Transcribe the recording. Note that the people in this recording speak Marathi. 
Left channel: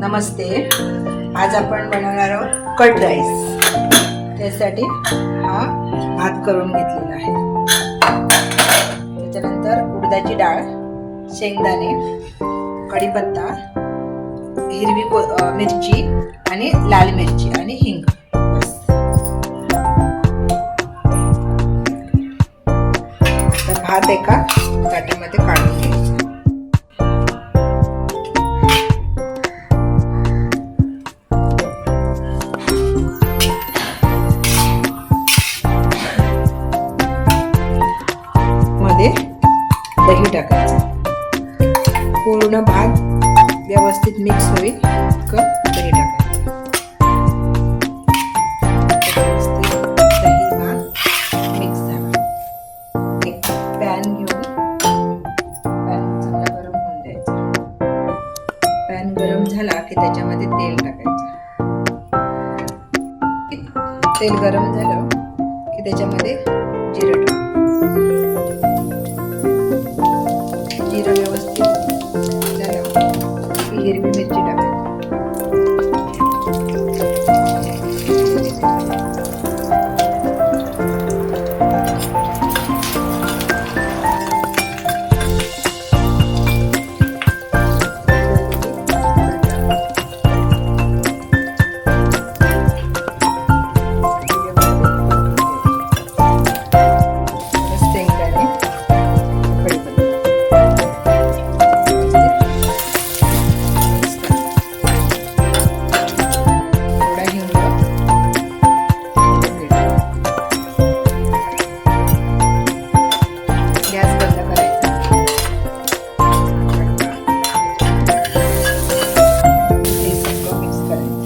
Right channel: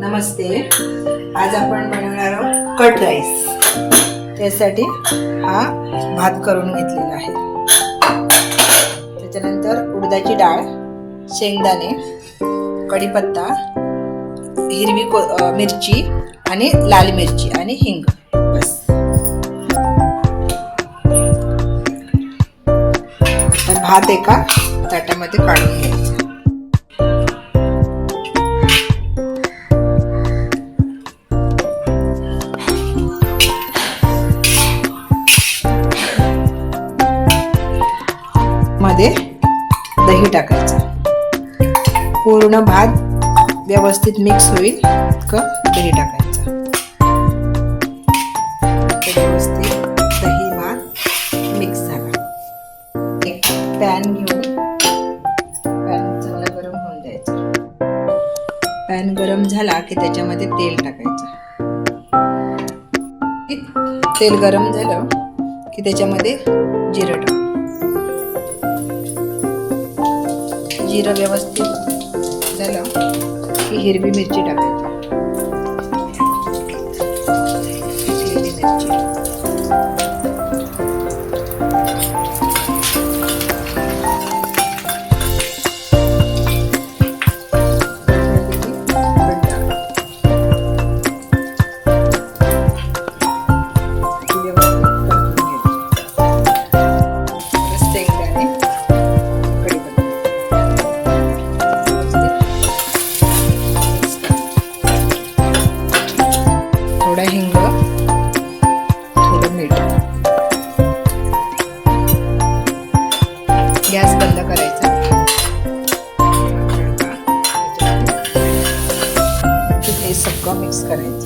नमस्ते. आज आपण बनवणार आहोत कट राईस. त्यासाठी हा भात करून घेतलेला आहे. त्याच्यानंतर उडदाची डाळ शेंगदाणे कढीपत्ता हिरवी को मिरची आणि लाल मिरची आणि हिंग. बस. आता भात एका ताटामध्ये काढून घ्यायचा. त्यामध्ये दही टाकायचं. पूर्ण भात व्यवस्थित मिक्स होईल इतकं दही टाकायचं. व्यवस्थित दही भात मिक्स झाला. एक पॅन घेऊन पॅन चांगला गरम होऊन द्यायचा. पॅन गरम झाला की त्याच्यामध्ये तेल टाकायचं. तेल गरम झालं की त्याच्यामध्ये जिरं टाकायचं. जिरं व्यवस्थित झालं. की हिरवी मिरची टाकायची máscara.